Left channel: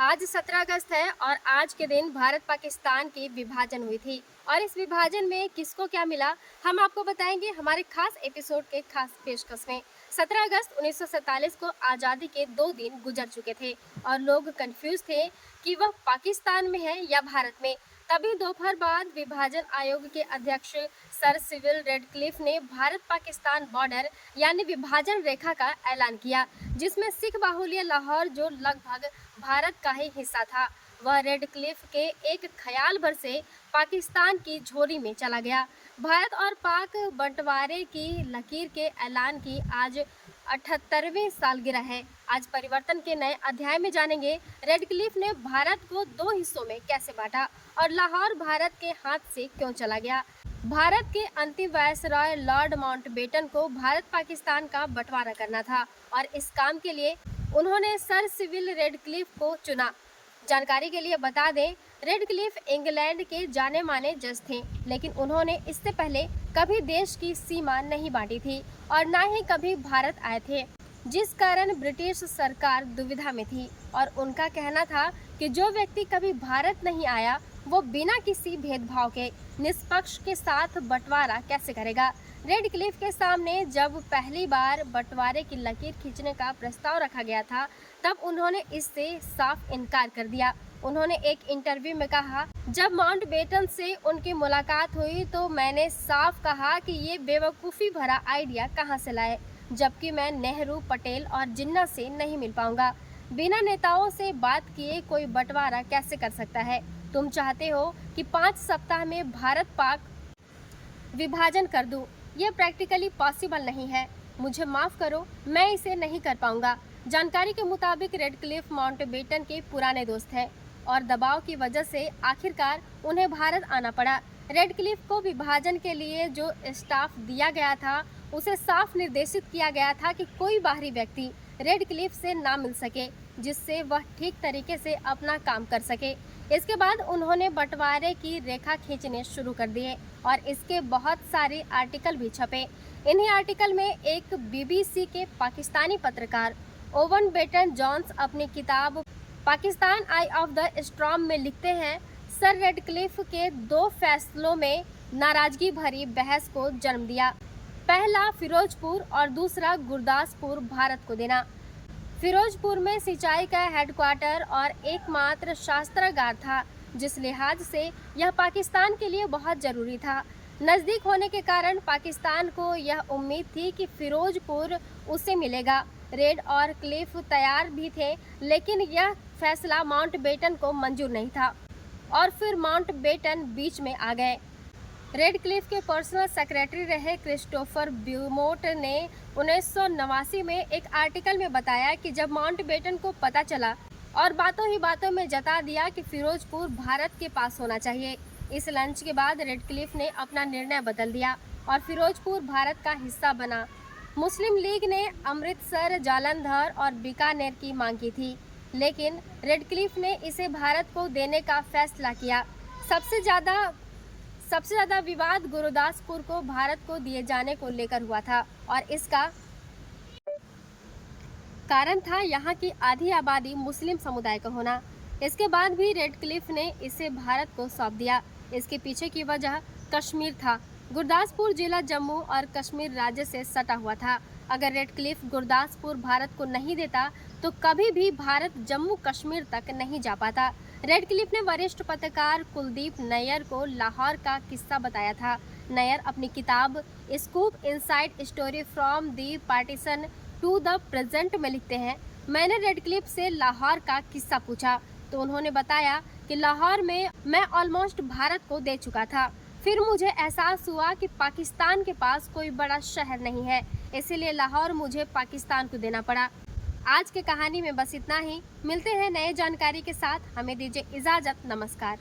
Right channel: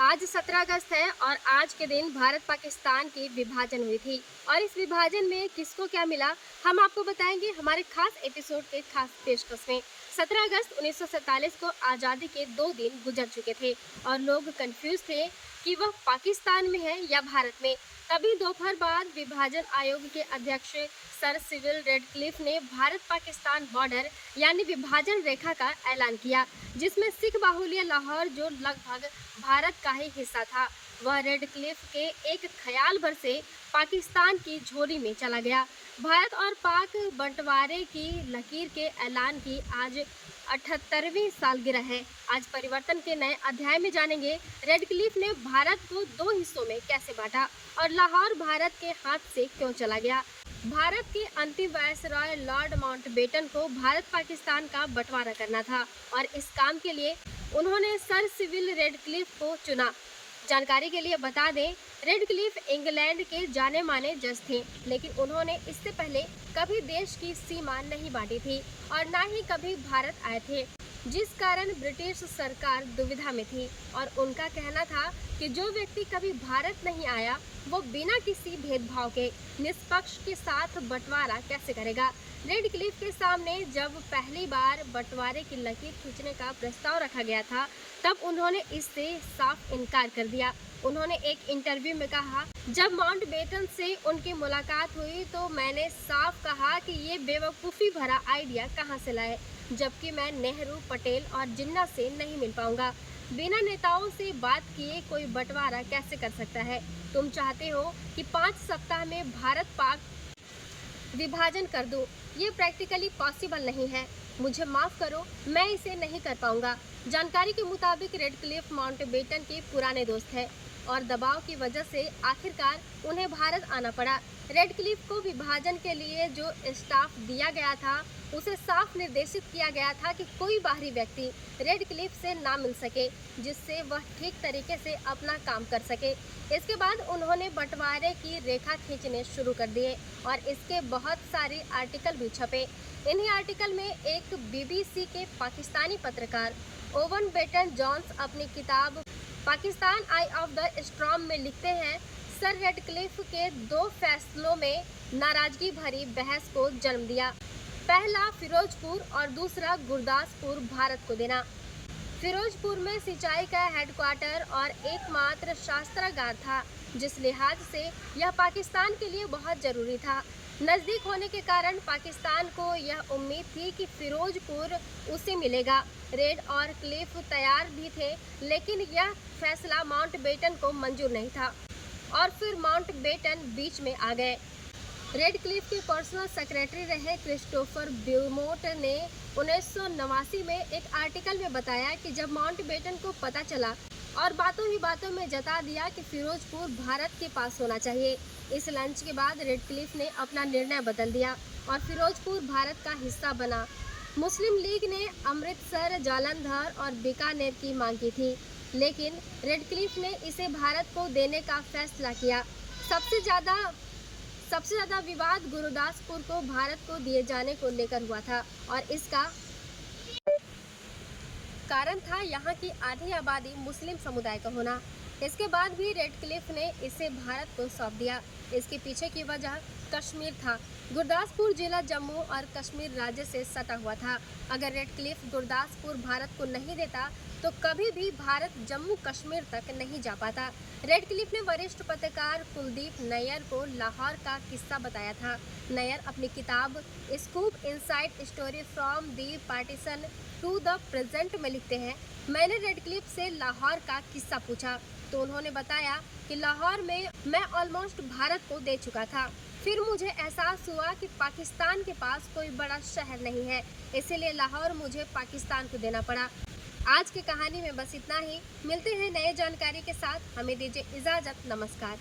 आज 17 अगस्त है और आज के दिन भारत पाकिस्तान की विभाजन हुई थी और इस विभाजन में किसको क्या मिला हम आपको बताएंगे हमारे खास एपिसोड के खास पेशकश में। 17 अगस्त 1947 को आज़ादी के 2 दिन गुजर चुके थे और लोग कंफ्यूज थे कि वह पाकिस्तान में है या भारत में। तभी दोपहर बाद विभाजन आयोग के अध्यक्ष सर सिविल रेडक्लिफ ने भारत पाकिस्तान बॉर्डर यानी विभाजन रेखा का ऐलान किया, जिसमें सिख बाहुल्य लाहौर जो लगभग भारत का ही हिस्सा था, वह रेडक्लिफ के एक ख्याल भर से पाकिस्तान की झोली में चला गया। भारत और पाक बंटवारे की लकीर के ऐलान की आज 78वीं सालगिरह है। आज परिवर्तन के नए अध्याय में जानेंगे रेडक्लिफ ने भारत को 2 हिस्सों में कैसे बांटा और लाहौर भारत के हाथ से क्यों चला गया। भारत के अंतिम वायसरॉय लॉर्ड माउंटबेटन को भारत पाकिस्तान का बंटवारा करना था और इस काम के लिए उन्होंने सर सिविल रेडक्लिफ को चुना। जानकारी के लिए बता दें, रेडक्लिफ इंग्लैंड के जाने माने जज थे, लेकिन उन्होंने इससे पहले कभी देश की सीमा नहीं बांटी थी और न ही कभी भारत आए थे, जिस कारण ब्रिटिश सरकार दुविधा में थी और उनका कहना था कि जो व्यक्ति कभी भारत नहीं आया वो बिना किसी भेदभाव के निष्पक्ष के साथ बंटवारा कैसे करेगा। रेडक्लिफ के सामने जब पहली बार बंटवारे की लकीर खींचने का प्रस्ताव रखा गया था, तब उन्होंने इससे साफ इनकार कर दिया। उन्होंने एक इंटरव्यू में कहा, जब माउंटबेटन से उनकी मुलाकात हुई तो मैंने साफ कहा कि ये बेवकूफ़ी भरा आइडिया कहाँ से लाए, जबकि मैं नेहरू, पटेल और जिन्ना से नहीं मिल पाऊंगा। बिना नेताओं से बात किए कोई बंटवारा कैसे कर सकता है। तुम चाहते हो कि 5 सप्ताह में भारत पाक विभाजन कर दूं, ये प्रैक्टिकली पॉसिबल नहीं है। मुझे माफ करो, मैं इसे नहीं कर पाऊंगा। जानकारी के मुताबिक रेडक्लिफ माउंटबेटन के पुराने दोस्त हैं और दबाव की वजह से आखिरकार उन्हें भारत आना पड़ा। रेडक्लिफ को विभाजन के लिए जो स्टाफ दिया गया था उसे साफ निर्देशित किया गया था कि कोई बाहरी व्यक्ति रेडक्लिफ से ना मिल सके, जिससे वह ठीक तरीके से अपना काम कर सके। इसके बाद उन्होंने बंटवारे की रेखा खींचने शुरू कर दिए और इसके बहुत सारे आर्टिकल भी छपे। इन्हीं आर्टिकल में एक बीबीसी के पाकिस्तानी पत्रकार ओवन बेटन जॉन्स अपनी किताब पाकिस्तान आई ऑफ द स्टॉर्म में लिखते हैं, सर रेडक्लिफ के 2 फैसलों में नाराजगी भरी बहस को जन्म दिया। पहला फिरोजपुर और दूसरा गुरदासपुर भारत को देना। फिरोजपुर में सिंचाई का हेडक्वार्टर और एकमात्र शस्त्रागार था, जिस लिहाज से यह पाकिस्तान के लिए बहुत जरूरी था। नज़दीक होने के कारण पाकिस्तान को यह उम्मीद थी कि फिरोजपुर उसे मिलेगा। रेड और क्लिफ तैयार भी थे, लेकिन यह फैसला माउंटबेटन को मंजूर नहीं था और फिर माउंटबेटन बीच में आ गए। रेडक्लिफ के पर्सनल सेक्रेटरी रहे क्रिस्टोफर ब्यूमोट ने 1989 में एक आर्टिकल में बताया कि जब माउंटबेटन को पता चला और बातों ही बातों में जता दिया कि फिरोजपुर भारत के पास होना चाहिए। इस लंच के बाद रेडक्लिफ ने अपना निर्णय बदल दिया और फिरोजपुर भारत का हिस्सा बना। मुस्लिम लीग ने अमृतसर, जालंधर और बीकानेर की मांग की थी, लेकिन रेडक्लिफ ने इसे भारत को देने का फैसला किया। सबसे ज्यादा विवाद गुरदासपुर को भारत को दिए जाने को लेकर हुआ था और इसका कारण था यहाँ की आधी आबादी मुस्लिम समुदाय का होना। इसके बाद भी रेडक्लिफ ने इसे भारत को सौंप दिया। इसके पीछे की वजह कश्मीर था। गुरदासपुर जिला जम्मू और कश्मीर राज्य से सटा हुआ था। अगर रेडक्लिफ गुरदासपुर भारत को नहीं देता तो कभी भी भारत जम्मू कश्मीर तक नहीं जा पाता। रेडक्लिफ ने वरिष्ठ पत्रकार कुलदीप नैयर को लाहौर का किस्सा बताया था। नैयर अपनी किताब Scoop Inside Story from the Partition to the Present में लिखते हैं, मैंने रेडक्लिफ से लाहौर का किस्सा पूछा तो उन्होंने बताया कि लाहौर में मैं ऑलमोस्ट भारत को दे चुका था। फिर मुझे एहसास हुआ कि पाकिस्तान के पास कोई बड़ा शहर नहीं है, इसीलिए लाहौर मुझे पाकिस्तान को देना पड़ा। आज की कहानी में बस इतना ही। मिलते हैं नए जानकारी के साथ। हमें दीजिए इजाजत। नमस्कार।